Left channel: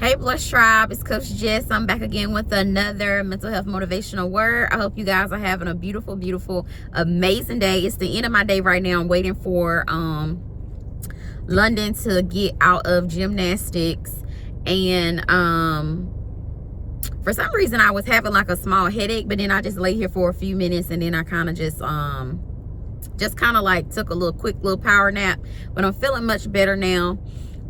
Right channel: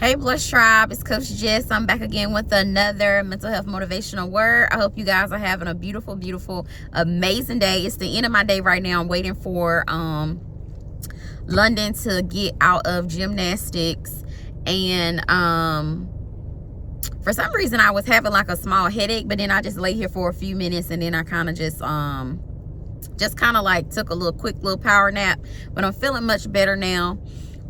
Hey Blush Tribe, it's Coach Jess. I'm back again with another mental health motivational word. I hope you guys are having a beautiful, amazing day. It's the end of my day right now. I'm waiting for London to get out of gymnastics, and for some reason I was having like a small headache, but then I just lay here for a few minutes and then I kind of just kind of like took a quick little power nap, but I'm feeling much better now.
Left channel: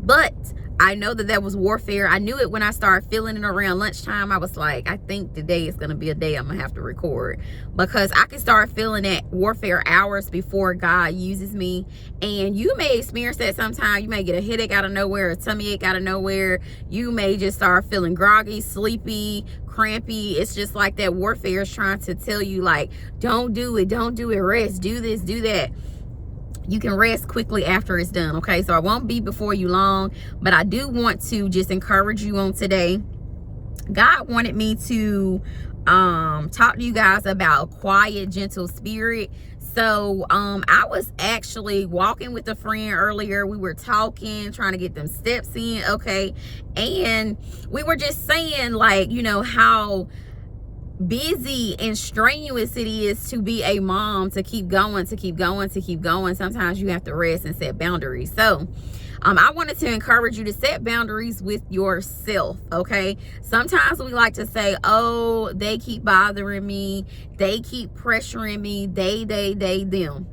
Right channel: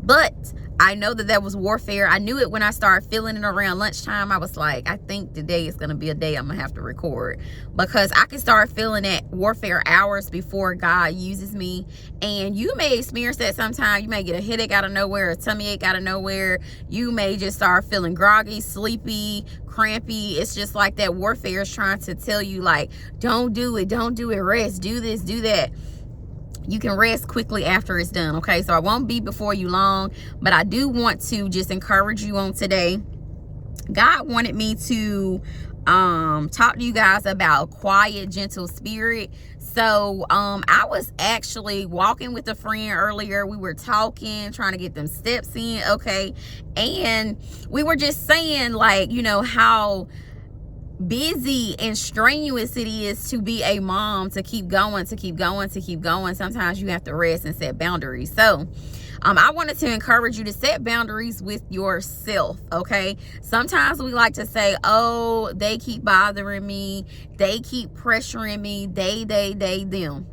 But I know that was warfare. I knew it when I started feeling it around lunchtime. I was like, I think today is going to be a day I'm going to have to record, because I can start feeling that warfare hours before God uses me. And you may experience that sometime. You may get a headache out of nowhere, a tummy ache out of nowhere. You may just start feeling groggy, sleepy, crampy. It's just like that warfare is trying to tell you, like, don't do it, rest, do this, do that. You can rest quickly after it's done, okay? So I won't be before you long, but I do want to just encourage you on today. God wanted me to talk to you guys about quiet, gentle spirit. So I was actually walking with a friend earlier. We were talking, trying to get them steps in, okay? And we were just saying, like, you know, how busy and strenuous it is to be a mom, to keep going. Sometimes you have to rest and set boundaries. So I wanted to encourage you to set boundaries with yourself, okay? Sometimes we like to say, oh, they keep bothering me, they keep pressuring me, they, them.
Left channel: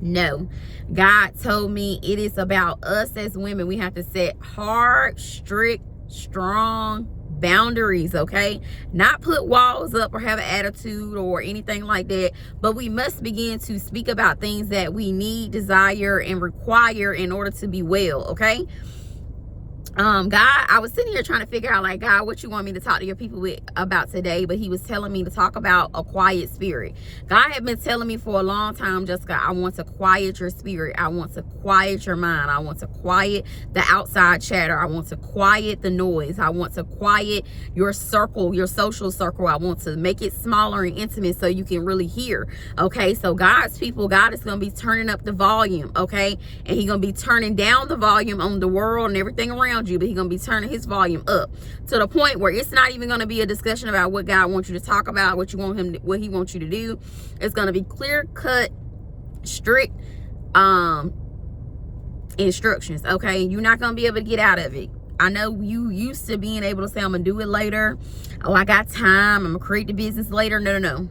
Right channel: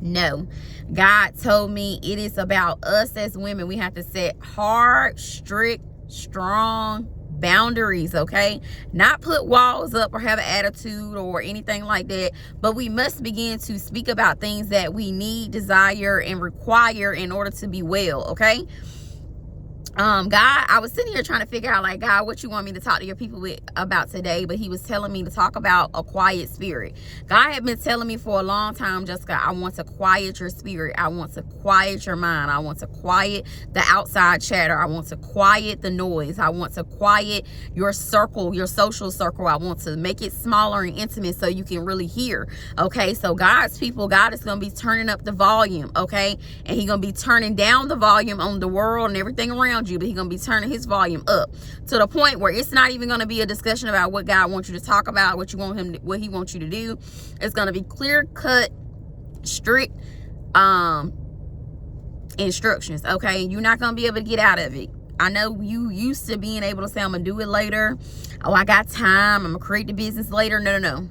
No, God told me it is about us as women. We have to set hard, strict, strong boundaries, okay? Not put walls up or have an attitude or anything like that, but we must begin to speak about things that we need, desire, and require in order to be well, okay? God, I was sitting here trying to figure out, like, God, what you want me to talk to your people about today, but he was telling me to talk about a quiet spirit. God had been telling me for a long time, Jessica, I want to quiet your spirit. I want to quiet your mind. I want to quiet the outside chatter. I want to quiet the noise. I want to quiet your circle, your social circle. I want to make it smaller and intimate so you can really hear, okay? So God's people, God is going to be turning up the volume, okay? And he's going to be turning down the volume on the world and everything around you, but he's gonna be turning his volume up to the point where it's not even gonna be a discussion about what God wants you to talk about, what he wants you to do. It's gonna be clear cut, strict instructions, okay? You're not gonna be able to get out of it. I know you used to being able to say, I'm gonna do it later, oh, I got time, I'm gonna create the business later. No,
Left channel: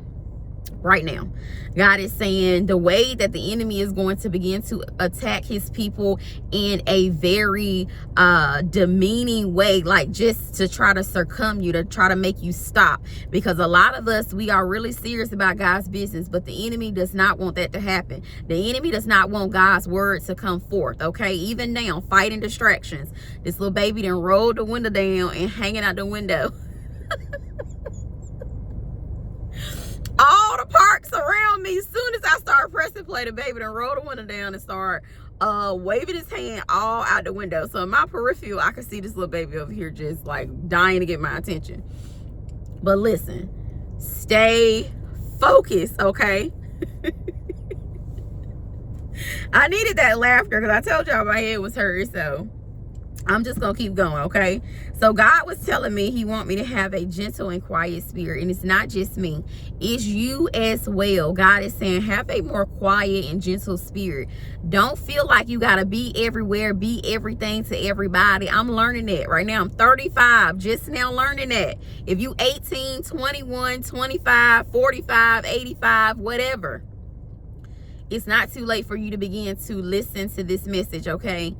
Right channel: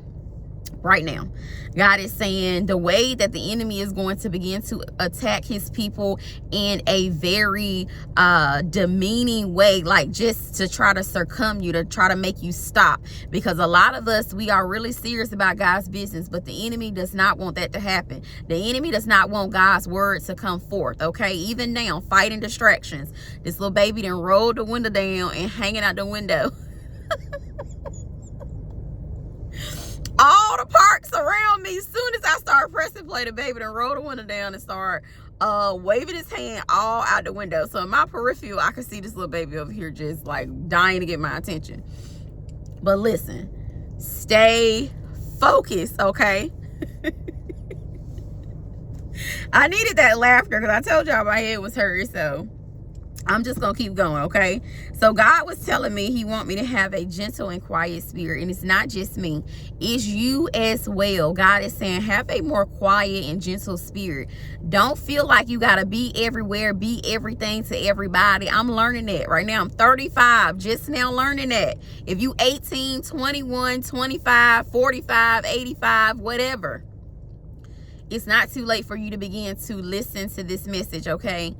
right now God is saying the way that the enemy is going to begin to attack his people in a very demeaning way, like just to try to circum you, to try to make you stop. Because a lot of us, we are really serious about God's business, but the enemy does not want that to happen. The enemy does not want God's word to come forth, okay? Even now, fighting distractions. This little baby done rolled the window down and hanging out the window. All the parks around me, as soon as I start pressing play, the baby done roll the window down and start waving his hand all out the window. So in my peripheral, I can see this little baby over here just like dying to get my attention. But listen, stay focused, okay? I needed that laughter because I told y'all my head was hurt, so I'm just gonna keep going, okay? So God was telling me he want me to have a gentle and quiet spirit, and it's not just me, it's you as well. God is saying have a more quiet and gentle spirit. Don't feel like you gotta be everywhere, be everything to everybody. I'm learning that right now. I'm 35, just now learning that. If you 18, 21, 25, 45, 85, whatever, it's not too late for you to begin to listen to this message, okay?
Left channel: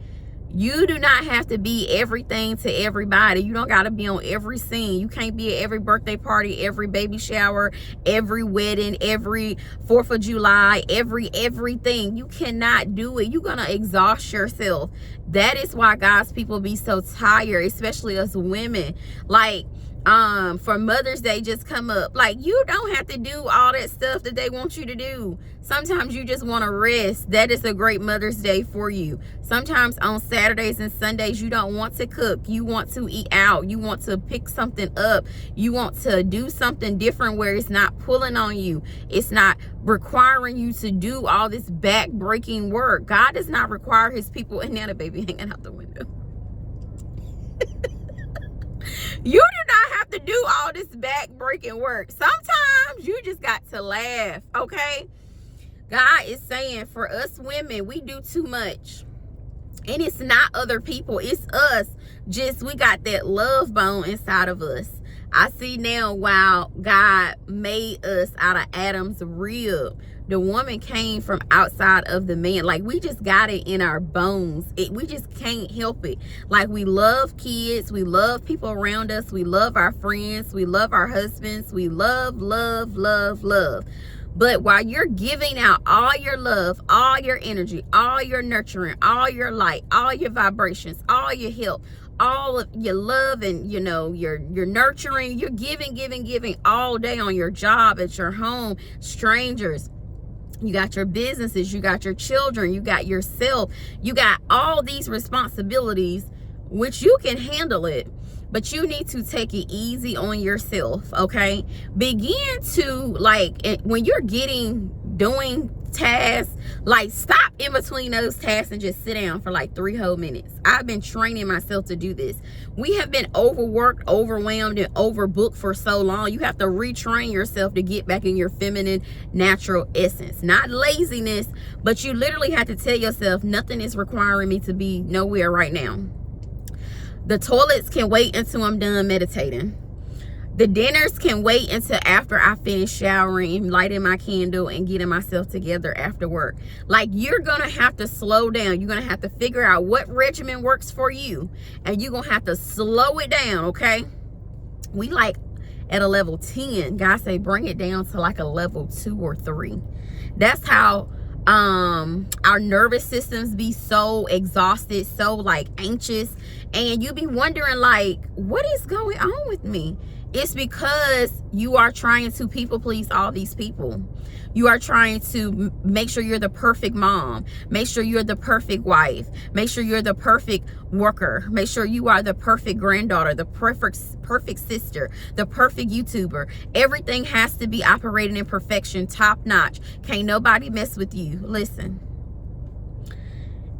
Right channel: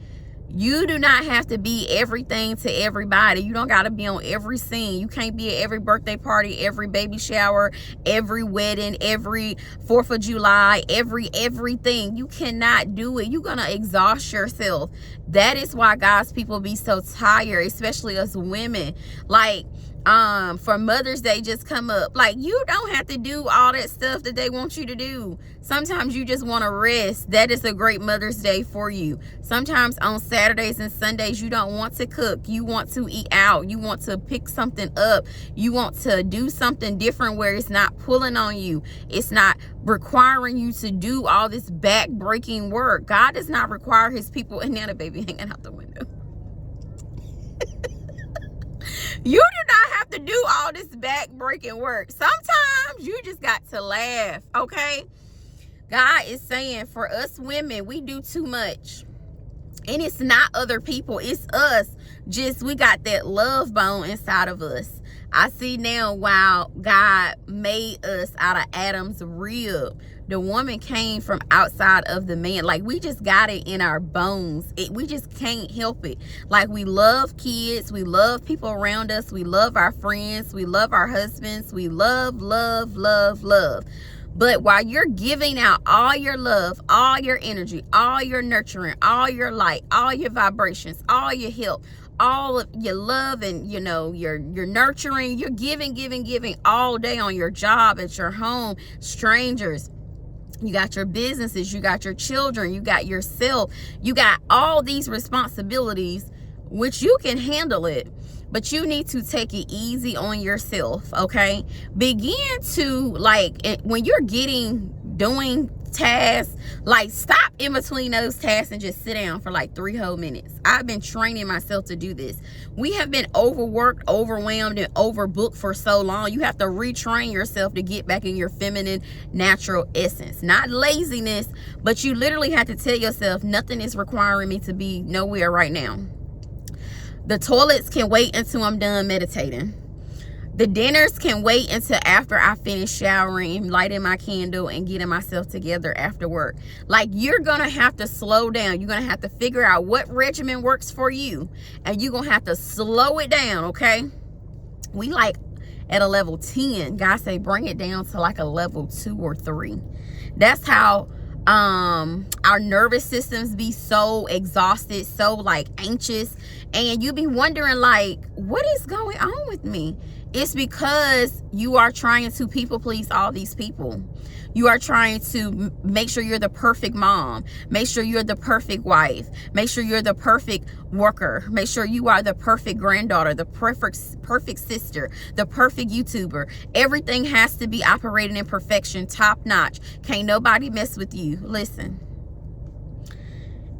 You do not have to be everything to everybody. You don't got to be on every scene. You can't be at every birthday party, every baby shower, every wedding, every 4th of July, everything. You cannot do it. You're going to exhaust yourself. That is why God's people be so tired, especially us women. Like, for Mother's Day just come up, like, you don't have to do all that stuff that they want you to do. Sometimes you just want to rest. That is a great Mother's Day for you. Sometimes on Saturdays and Sundays you don't want to cook, you want to eat out, you want to pick something up, you want to do something different where it's not pulling on you, it's not requiring you to do all this back-breaking work. God does not require his people, and now the baby hanging out the window. You do not have to do all this back-breaking work. Sometimes you just got to laugh, okay? God is saying for us women, we do too much. And it's not other people, it's us. Just we got that love bone inside of us. I see now, wow, God made us out of Adam's rib. The woman came from outside of the man. Like, we just got it in our bones. We just can't help it. Like, we love kids. We love people around us. We love our friends. We love our husbands. We love, love, love, love. But while you're giving out all your love, all your energy, all your nurturing, all your light, all your vibrations, all your help, all of your love, and you know, you're nurturing, you're giving all day on your job, at your home, strangers. You got your businesses, you got your children, you got yourself, you got all these responsibilities, which you can handle it, but you need to take it easy on yourself, okay? Begin to, like, when you're doing tasks, like, stop in between those tasks and just sit down for like 3 whole minutes. I've been training myself to do this. We have been overworked, overwhelmed, and overbooked for so long. You have to retrain yourself to get back in your feminine, natural essence. Not laziness, but you literally have to tell yourself, nothing is requiring me to be nowhere right now. The toilets can wait until I'm done meditating. The dinners can wait until after I finish showering, lighting my candle, and getting myself together after work. Like, you're going to have to slow down. You're going to have to figure out what regimen works for you. And you're going to have to slow it down, okay? We like at a level 10. God say bring it down to like a level 2 or 3. That's how our nervous systems be so exhausted, so like anxious. And you be wondering, like, what is going on with me? It's because you are trying to people please all these people. You are trying to make sure you're the perfect mom. Make sure you're the perfect wife. Make sure you're the perfect worker. Make sure you are the perfect granddaughter, the perfect sister, the perfect YouTuber. Everything has to be operating in perfection, top notch. Can't nobody mess with you. Listen.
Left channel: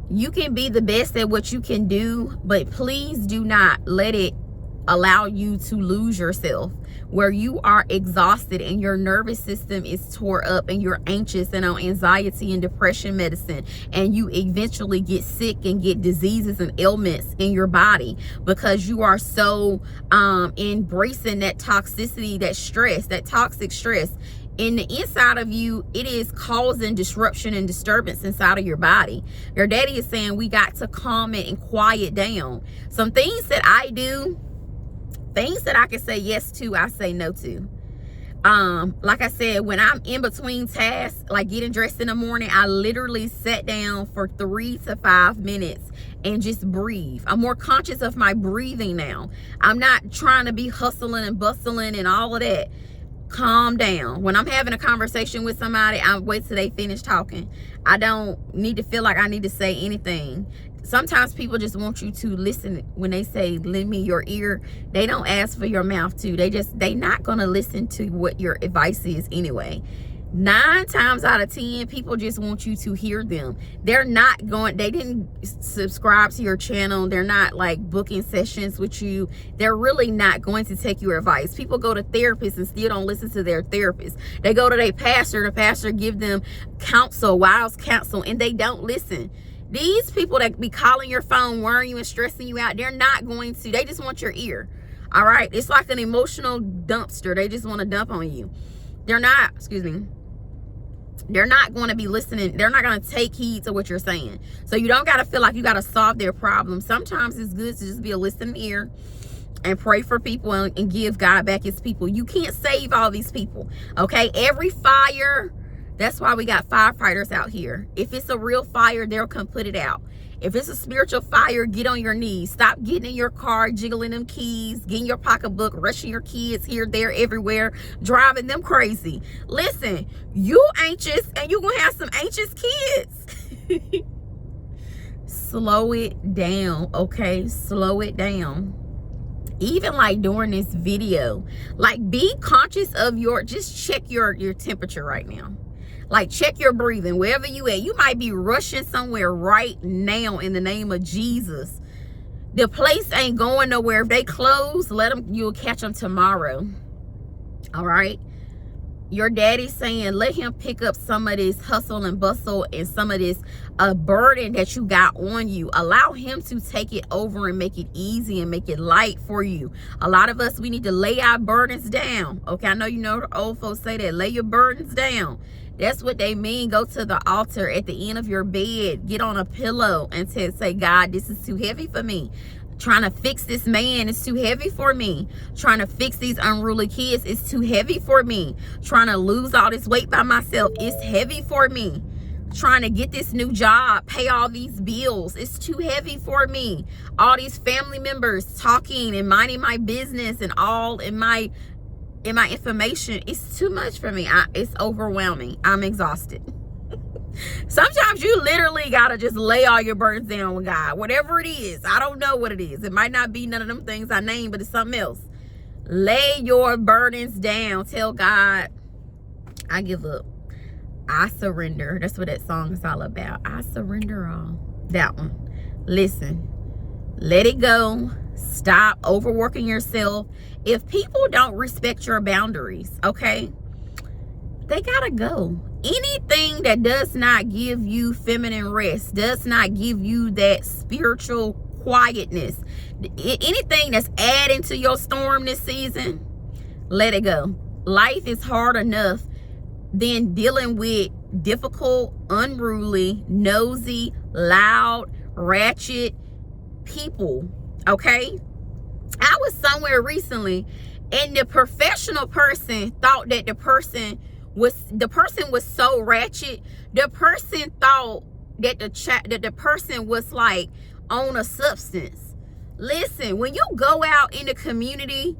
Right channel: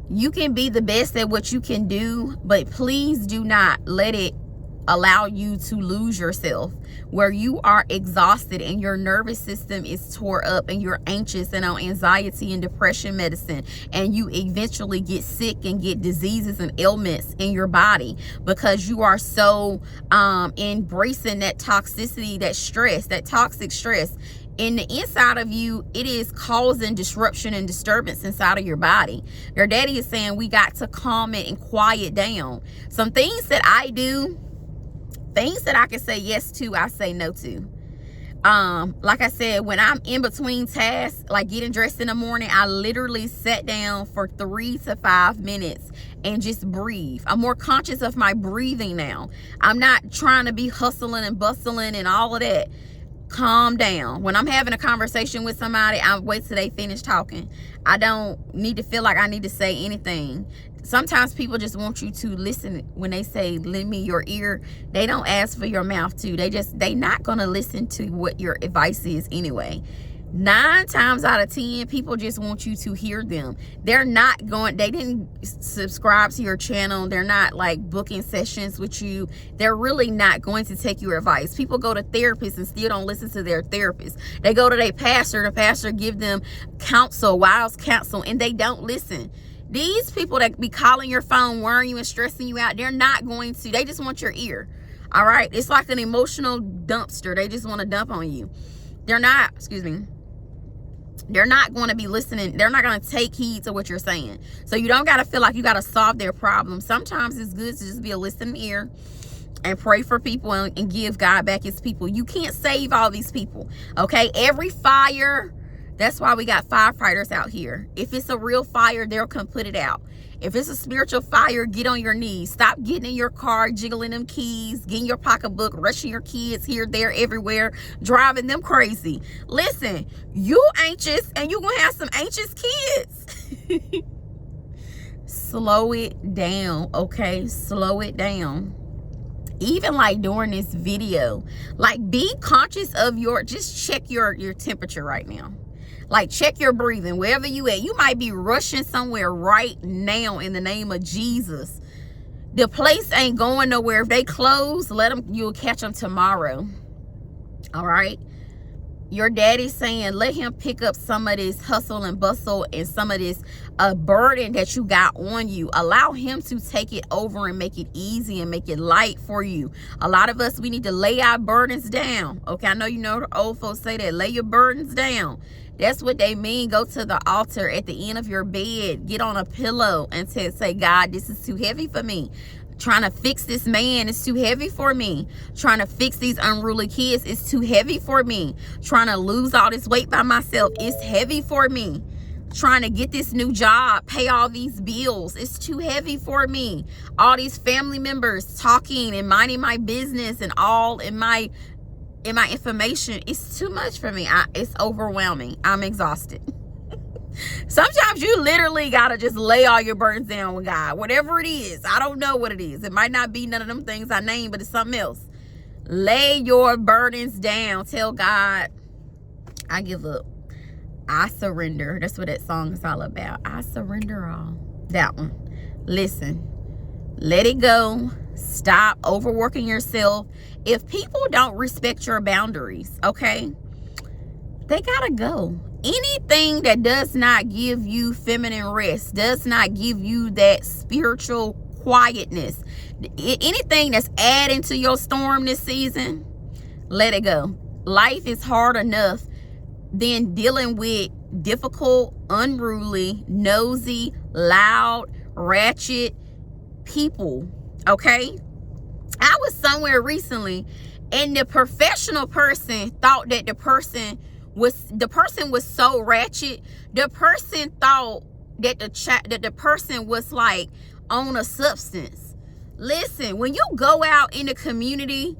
You can be the best at what you can do, but please do not let it allow you to lose yourself where you are exhausted and your nervous system is tore up and you're anxious and on anxiety and depression medicine, and you eventually get sick and get diseases and ailments in your body because you are so embracing that toxicity, that stress, that toxic stress. In the inside of you, it is causing disruption and disturbance inside of your body. Your daddy is saying we got to calm it and quiet down. Some things that I do, things that I can say yes to, I say no to. Like I said, when I'm in between tasks, like getting dressed in the morning, I literally sat down for 3 to 5 minutes and just breathe. I'm more conscious of my breathing now. I'm not trying to be hustling and bustling and all of that. Calm down. When I'm having a conversation with somebody, I wait till they finish talking. I don't need to feel like I need to say anything. Sometimes people just want you to listen. When they say lend me your ear, they don't ask for your mouth too. They not gonna listen to what your advice is anyway. 9 times out of 10, people just want you to hear them. They didn't subscribe to your channel. They're not like booking sessions with you. They're really not going to take your advice. People go to therapists and still don't listen to their therapist. They go to their pastor. The pastor give them counsel, wise counsel, and they don't listen. These people that be calling your phone, worrying you and stressing you out, they're not going to. They just want your ear. All right? It's like an emotional dumpster. They just want to dump on you. They're not going to be listening. They're not going to take heed to what you're saying. So you don't got to feel like you got to solve their problem. Sometimes it's good to just be a listening ear and pray for people and give God back his people. You can't save all these people. Okay? Every fire, that's why we got firefighters out here. If it's a real fire, they'll come put it out. If it's a spiritual fire, get on your knees. Stop getting in your car, jiggling them keys, getting your pocketbook, rushing your kids here, there, everywhere, driving them crazy. Listen, you anxious and you gonna have some anxious kids. Slow it down, okay? Slow it down. Even like during this video, like be conscious of just check your temperature right now. Like, check your breathing, wherever you at. You might be rushing somewhere right now in the name of Jesus. The place ain't going nowhere. If they close, you'll catch them tomorrow. All right. Your daddy's saying, let him pick up some of this hustle and bustle and some of this burden that you got on you. Allow him to take it over and make it easy and make it light for you. A lot of us, we need to lay our burdens down. Okay, I know you know the old folks say that. Lay your burdens down. That's what they mean. Go to the altar at the end of your bed. Get on a pillow and say, God, this is too heavy for me. Trying to fix this man is too heavy for me. Trying to fix these unruly kids is too heavy for me. Trying to lose all this weight by myself is heavy for me. Trying to get this new job, pay all these bills, it's too heavy for me. All these family members talking and minding my business and all in my information, it's too much for me. It's overwhelming. I'm exhausted. Sometimes you literally gotta just lay all your burdens down with God. Whatever it is, I don't know what it is. It might not be none of them things I named, but it's something else. Lay your burdens down. Tell God, I give up. I surrender. That's what that song is all about. I surrender all. That one. Listen, let it go. Stop overworking yourself. If people don't respect your boundaries, okay, they gotta go. Anything that does not give you feminine rest, does not give you that spiritual quietness, anything that's adding to your storm this season, let it go. Life is hard enough than dealing with difficult, unruly, nosy, loud, ratchet people, okay? I was somewhere recently and the professional person thought that the person was so ratchet. The person thought that the person was like on a substance. Listen, when you go out in the community,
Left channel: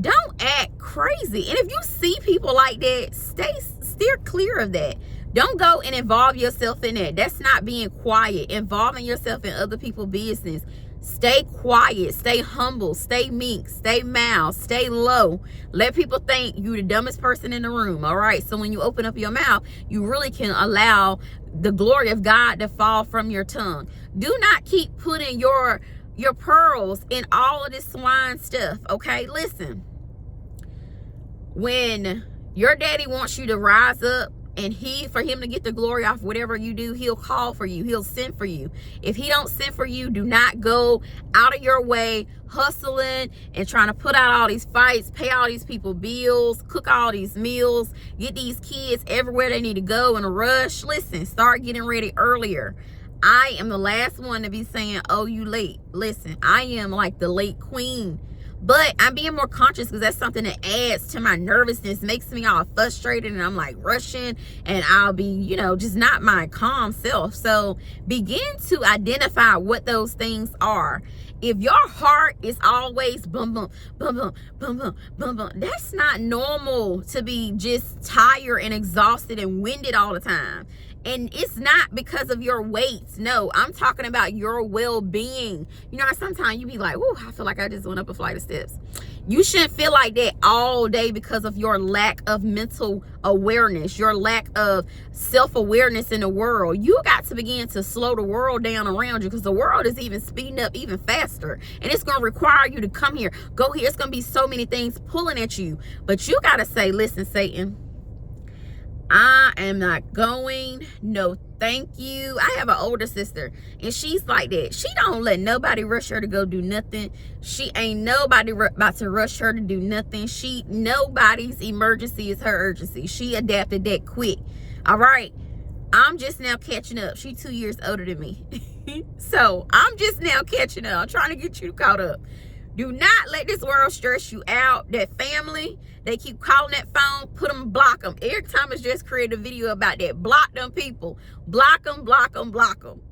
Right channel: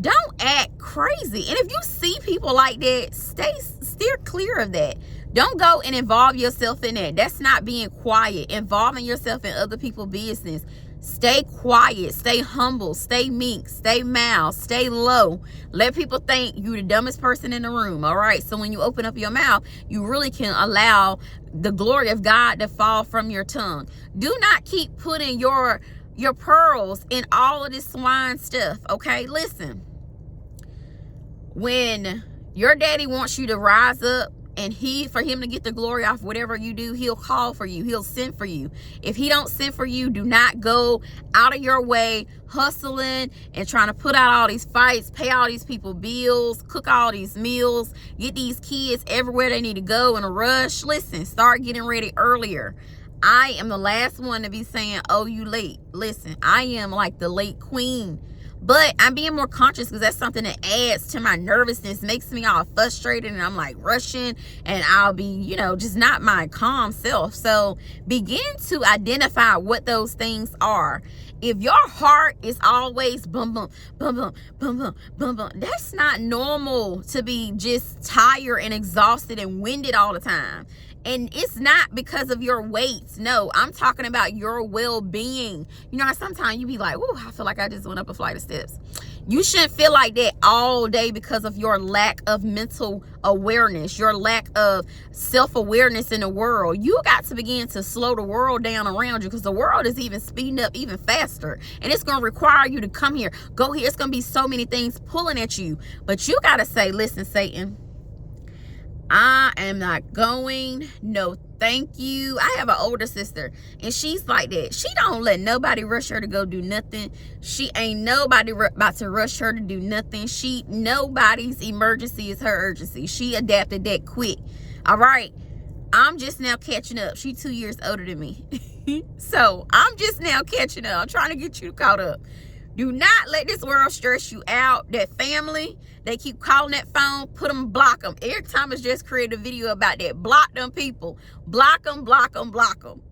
don't act crazy. And if you see people like that, steer clear of that. Don't go and involve yourself in that. That's not being quiet. Involving yourself in other people's business. Stay quiet, stay humble, stay meek, stay mild, stay low. Let people think you the dumbest person in the room, all right? So when you open up your mouth, you really can allow the glory of God to fall from your tongue. Do not keep putting your pearls in all of this swine stuff, okay? Listen, when your daddy wants you to rise up, and for him to get the glory off whatever you do, he'll call for you. He'll send for you. If he don't send for you, do not go out of your way hustling and trying to put out all these fights, pay all these people bills, cook all these meals, get these kids everywhere they need to go in a rush. Listen, start getting ready earlier. I am the last one to be saying, oh, you late. Listen, I am like the late queen. But I'm being more conscious because that's something that adds to my nervousness, makes me all frustrated, and I'm like rushing, and I'll be, just not my calm self. So begin to identify what those things are. If your heart is always bum, bum, bum, bum, bum, bum, bum, bum, that's not normal to be just tired and exhausted and winded all the time. And it's not because of your weight. No, I'm talking about your well-being. You know how sometimes you be like, "Ooh, I feel like I just went up a flight of steps." You shouldn't feel like that all day because of your lack of mental awareness, your lack of self-awareness in the world. You got to begin to slow the world down around you because the world is even speeding up even faster. And it's going to require you to come here, go here. It's going to be so many things pulling at you. But you got to say, listen, Satan, I am not going. No, thank you. I have an older sister and she's like that. She don't let nobody rush her to go do nothing. She ain't nobody about to rush her to do nothing. Nobody's emergency is her urgency. She adapted that quick. All right. I'm just now catching up. She 2 years older than me. So I'm just now catching up. I'm trying to get you caught up. Do not let this world stress you out. That family, they keep calling that phone, block them. Every time it's just create a video about that. Block them people. Block them, block them, block them.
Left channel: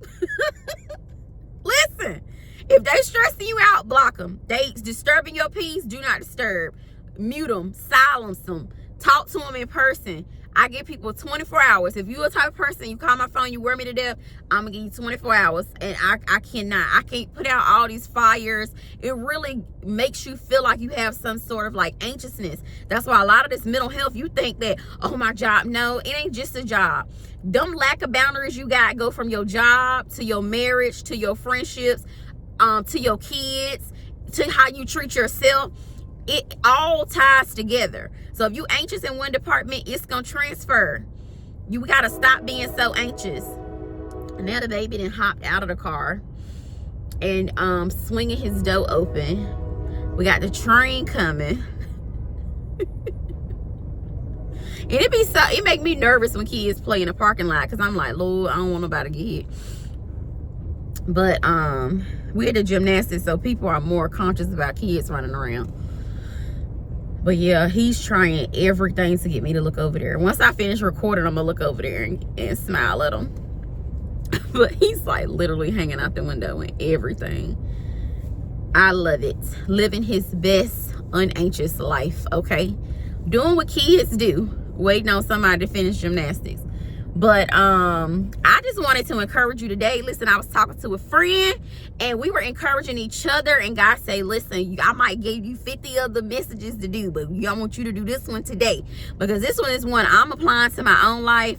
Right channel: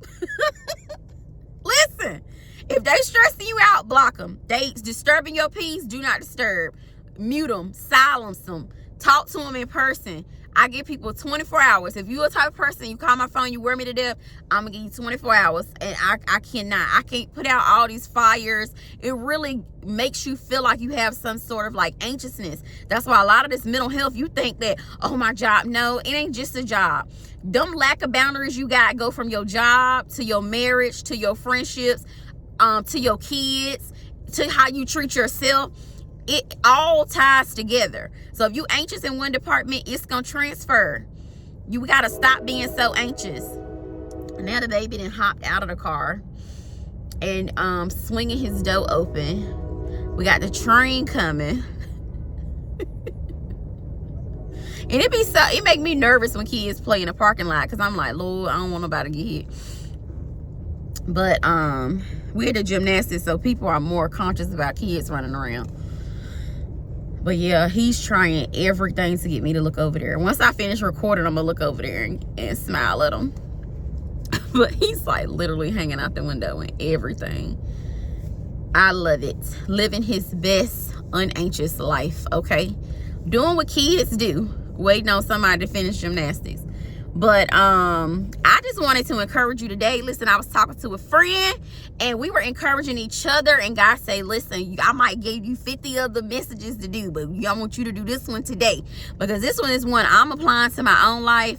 Listen, if they stressing you out, block them. They disturbing your peace, do not disturb. Mute them, silence them. Talk to them in person. I give people 24 hours. If you're a type of person, you call my phone, you wear me to death, I'm going to give you 24 hours. And I can't put out all these fires. It really makes you feel like you have some sort of like anxiousness. That's why a lot of this mental health, you think that, oh, my job. No, it ain't just a job. Them lack of boundaries you got go from your job to your marriage to your friendships. to your kids, to how you treat yourself. It all ties together. So if you anxious in one department, it's gonna transfer. You gotta stop being so anxious. And now the baby then hopped out of the car and swinging his door open. We got the train coming. And it make me nervous when kids play in the parking lot, because I'm like, Lord, I don't want nobody to get hit. But we're at the gymnastics, so people are more conscious about kids running around. But yeah, he's trying everything to get me to look over there. Once I finish recording, I'm gonna look over there and smile at him. But he's like literally hanging out the window and everything. I love it. Living his best unanxious life, okay? Doing what kids do, waiting on somebody to finish gymnastics. But I just wanted to encourage you today. Listen, I was talking to a friend and we were encouraging each other, and God say, listen, I might give you 50 other messages to do, but I want you to do this one today, because this one is one I'm applying to my own life.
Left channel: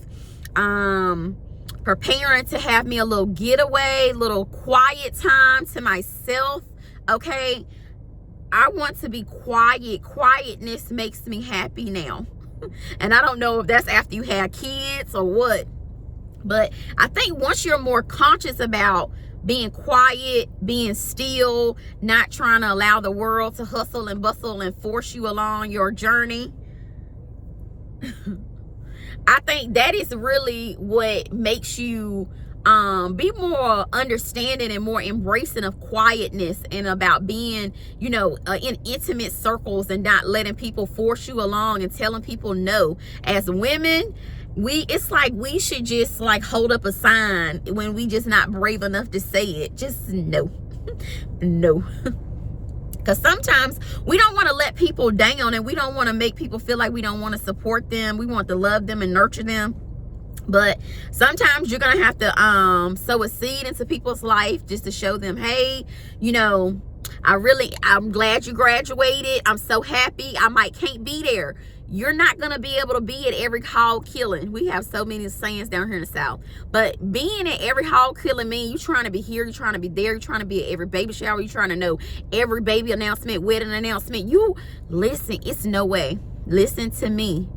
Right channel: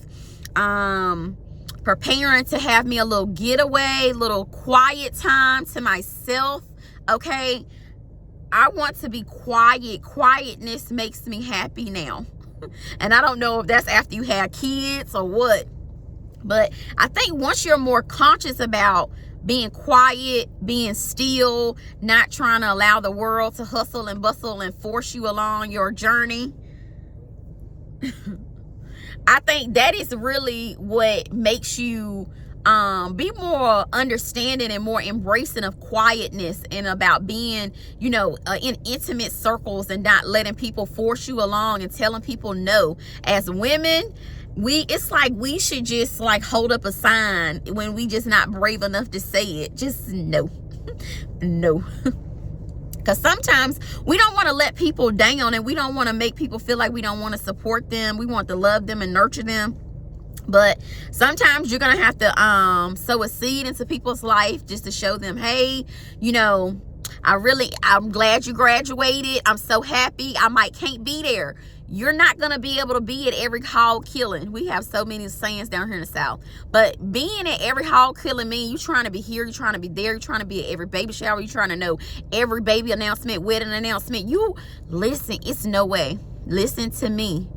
Preparing to have me a little getaway, little quiet time to myself, okay? I want to be quiet. Quietness makes me happy now. And I don't know if that's after you have kids or what, but I think once you're more conscious about being quiet, being still, not trying to allow the world to hustle and bustle and force you along your journey, I think that is really what makes you be more understanding and more embracing of quietness, and about being, you know, in intimate circles and not letting people force you along and telling people no. As women, it's like we should just like hold up a sign when we just not brave enough to say it. Just no. No. Because sometimes we don't want to let people down, and we don't want to make people feel like we don't want to support them. We want to love them and nurture them. But sometimes you're going to have to sow a seed into people's life just to show them, hey, you know, I'm glad you graduated. I'm so happy. I can't be there. You're not going to be able to be at every hog killing. We have so many sayings down here in the South. But being at every hog killing means you're trying to be here, you're trying to be there, you're trying to be at every baby shower, you're trying to know every baby announcement, wedding announcement. You listen, it's no way. Listen to me.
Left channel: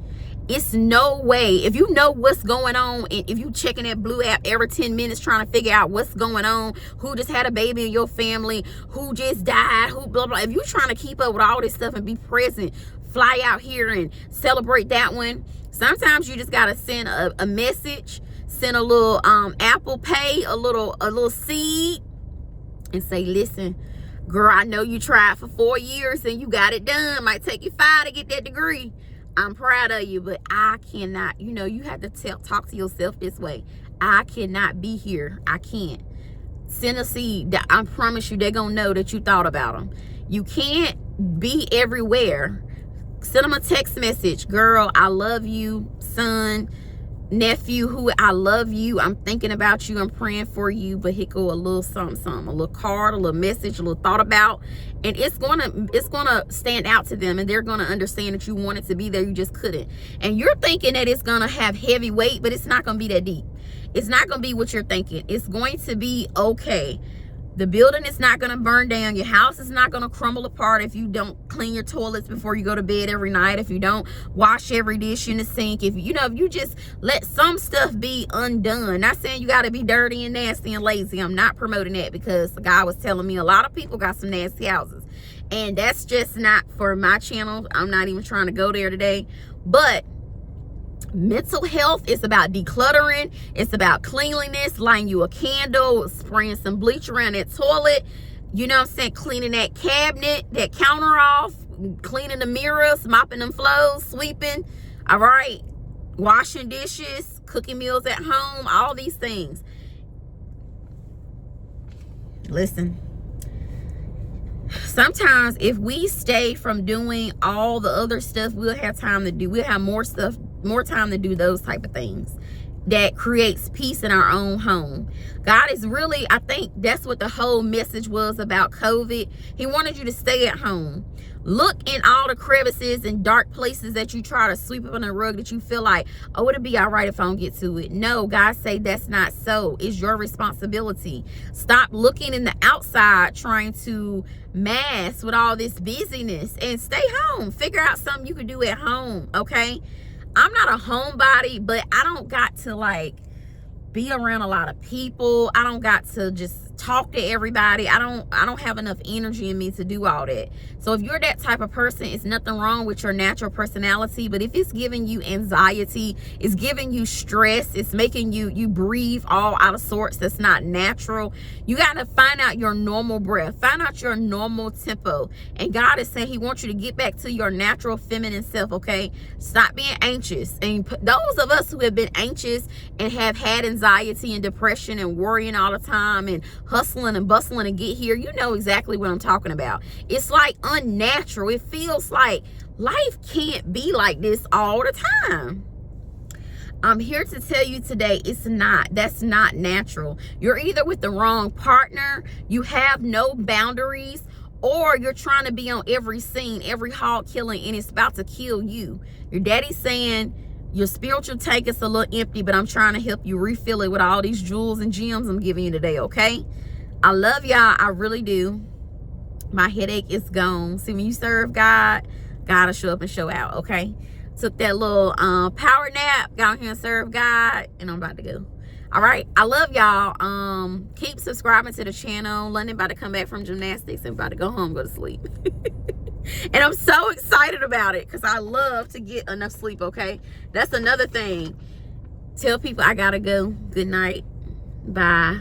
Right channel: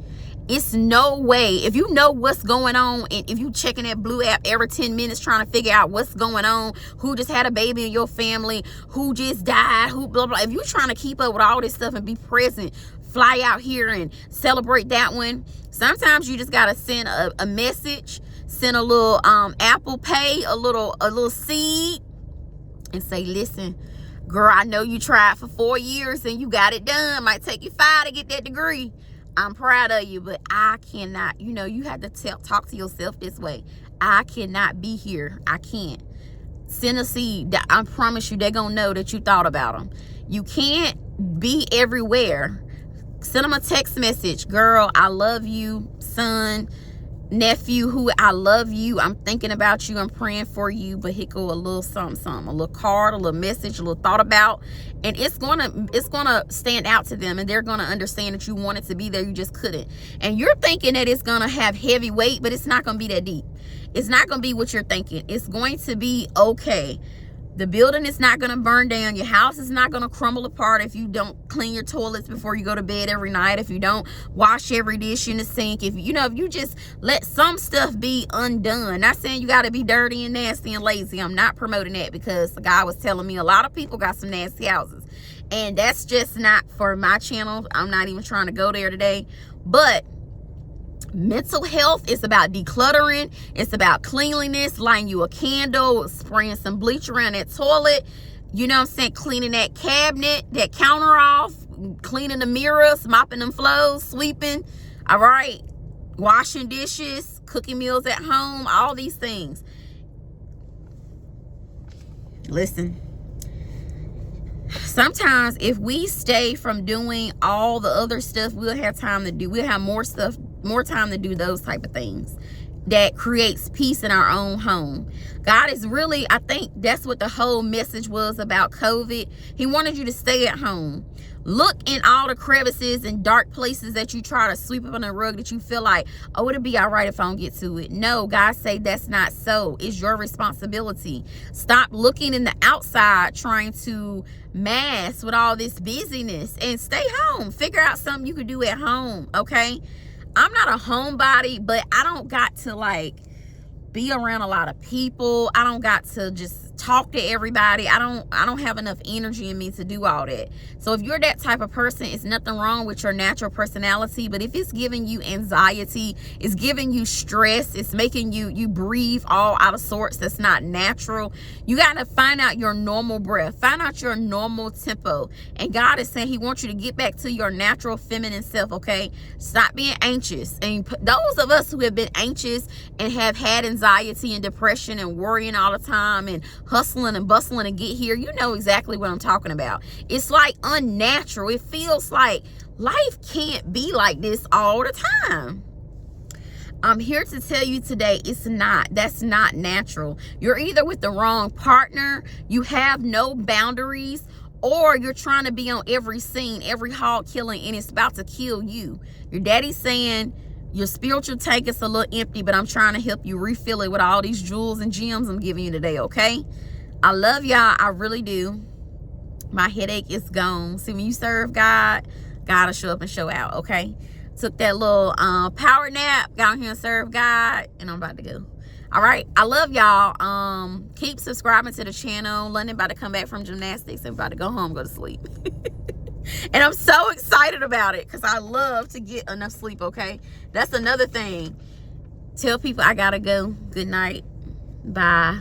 It's no way. If you know what's going on, and if you checking that Blue app every 10 minutes trying to figure out what's going on, who just had a baby in your family, who just died, who blah, blah. If you're trying to keep up with all this stuff and be present, fly out here and celebrate that one. Sometimes you just got to send a message, send a little Apple Pay, a little seed, and say, listen, girl, I know you tried for 4 years and you got it done. Might take you 5 to get that degree. I'm proud of you, but I cannot, you know, you have to talk to yourself this way. I cannot be here. I can't. Send a seed. I promise you, they're going to know that you thought about them. You can't be everywhere. Send them a text message. Girl, I love you. Son, nephew, who I love you. I'm thinking about you. I'm praying for you. But here go a little something, a little card, a little message, a little thought about. And it's gonna stand out to them, and they're gonna understand that you wanted to be there, you just couldn't. And you're thinking that it's gonna have heavy weight, but it's not gonna be that deep. It's not gonna be what you're thinking. It's going to be okay. The building is not gonna burn down. Your house is not gonna crumble apart if you don't clean your toilets before you go to bed every night. If you don't wash every dish in the sink. If you just let some stuff be undone. Not saying you gotta be dirty and nasty and lazy. I'm not promoting that, because the guy was telling me a lot of people got some nasty houses. And that's just not for my channel. I'm not even trying to go there today. But mental health is about decluttering. It's about cleanliness, lighting you a candle, spraying some bleach around that toilet. You know what I'm saying? Cleaning that cabinet, that counter off, cleaning the mirrors, mopping them floors, sweeping. All right. Washing dishes, cooking meals at home, all these things. Listen. Sometimes if we stay from doing all the other stuff, we'll have time to do, we'll have more time to do those type of things that creates peace in our own home. God is really, I think that's what the whole message was about COVID. He wanted you to stay at home. Look in all the crevices and dark places that you try to sweep up on the rug that you feel like, oh, it'll be all right if I don't get to it. No, God say that's not so. It's your responsibility. Stop looking in the outside trying to mask with all this busyness and stay home. Figure out something you can do at home, okay? I'm not a homebody, but I don't got to like be around a lot of people. I don't got to just talk to everybody. I don't have enough energy in me to do all that. So if you're that type of person, it's nothing wrong with your natural personality. But if it's giving you anxiety, it's giving you stress, it's making you breathe all out of sorts, that's not natural. You got to find out your normal breath, find out your normal tempo. And God is saying he wants you to get back to your natural feminine self, okay? Stop being anxious. And those of us who have been anxious and have had anxiety and depression and worrying all the time and hustling and bustling to get here, you know exactly what I'm talking about. It's like unnatural. It feels like life can't be like this all the time. I'm here to tell you today, it's not. That's not natural. You're either with the wrong partner, you have no boundaries, or you're trying to be on every scene, every hog killing, and it's about to kill you. Your daddy's saying, your spiritual tank is a little empty, but I'm trying to help you refill it with all these jewels and gems I'm giving you today, okay? I love y'all. I really do. My headache is gone. See, when you serve God, God will show up and show out, okay? Took that little power nap, got here and serve God, and I'm about to go. All right. I love y'all. Keep subscribing to the channel. London about to come back from gymnastics and about to go home, go to sleep. And I'm so excited about it because I love to get enough sleep, okay? That's another thing. Tell people I gotta go. Good night. Bye.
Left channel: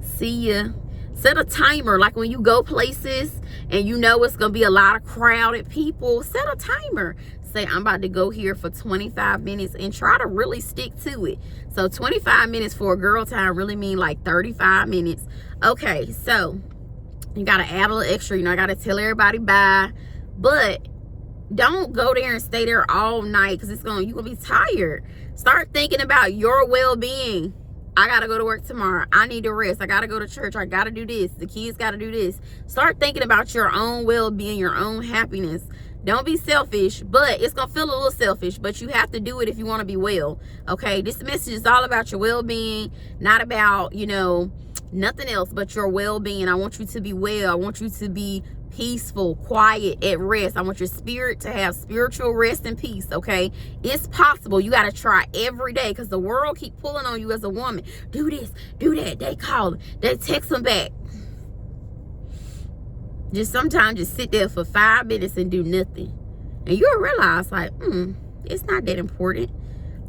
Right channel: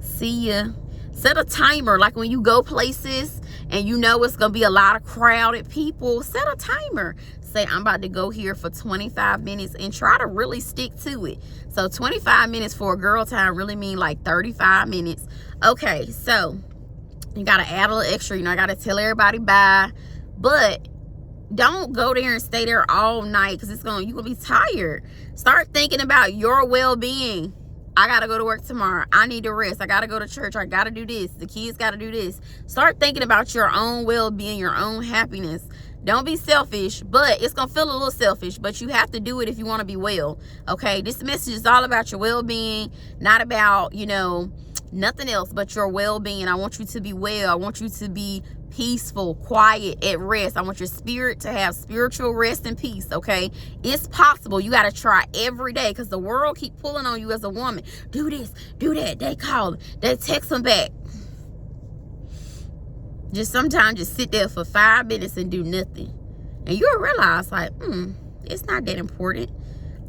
See ya. Set a timer. Like when you go places and you know it's gonna be a lot of crowded people, set a timer. Say, I'm about to go here for 25 minutes and try to really stick to it. So 25 minutes for a girl time really mean like 35 minutes. Okay, so you gotta add a little extra. You know, I gotta tell everybody bye. But don't go there and stay there all night because you're gonna be tired. Start thinking about your well-being. I gotta go to work tomorrow. I need to rest. I gotta go to church. I gotta do this. The kids gotta do this. Start thinking about your own well-being, your own happiness. Don't be selfish, but it's gonna feel a little selfish, but you have to do it if you want to be well. Okay, this message is all about your well-being, not about, you know, nothing else but your well-being. I want you to be well. I want you to be peaceful, quiet, at rest. I want your spirit to have spiritual rest and peace, okay? It's possible. You got to try every day because the world keep pulling on you as a woman. Do this, do that. They call them. They text them back. Just sometimes just sit there for 5 minutes and do nothing. And you'll realize like, it's not that important.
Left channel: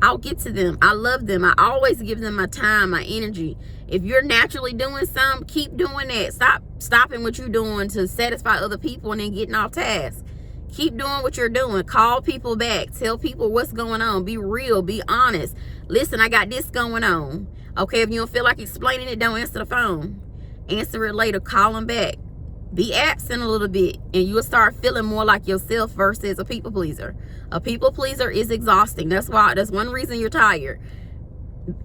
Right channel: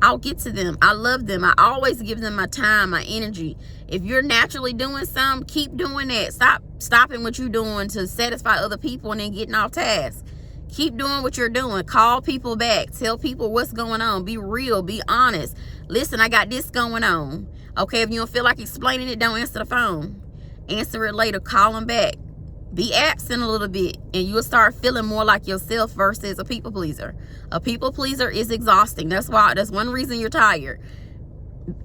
I'll get to them. I love them. I always give them my time, my energy. If you're naturally doing something, keep doing that. Stop stopping what you're doing to satisfy other people and then getting off task. Keep doing what you're doing. Call people back. Tell people what's going on. Be real. Be honest. Listen, I got this going on. Okay, if you don't feel like explaining it, don't answer the phone. Answer it later. Call them back. Be absent a little bit and you'll start feeling more like yourself versus a people pleaser. A people pleaser is exhausting. That's one reason you're tired.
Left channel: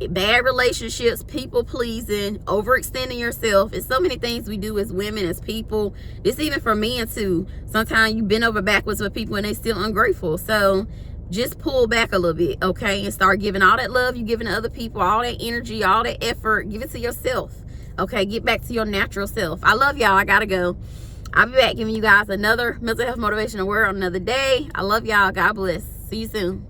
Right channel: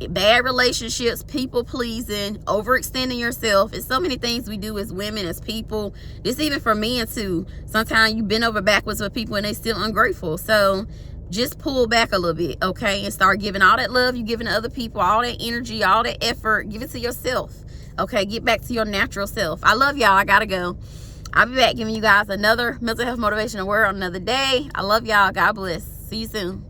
Bad relationships, people pleasing, overextending yourself. It's so many things we do as women, as people. This even for men too. Sometimes you bend over backwards with people and they still ungrateful. So just pull back a little bit, okay? And start giving all that love you're giving to other people, all that energy, all that effort. Give it to yourself. Okay, get back to your natural self. I love y'all. I gotta go. I'll be back giving you guys another mental health motivational word on another day. I love y'all. God bless. See you soon.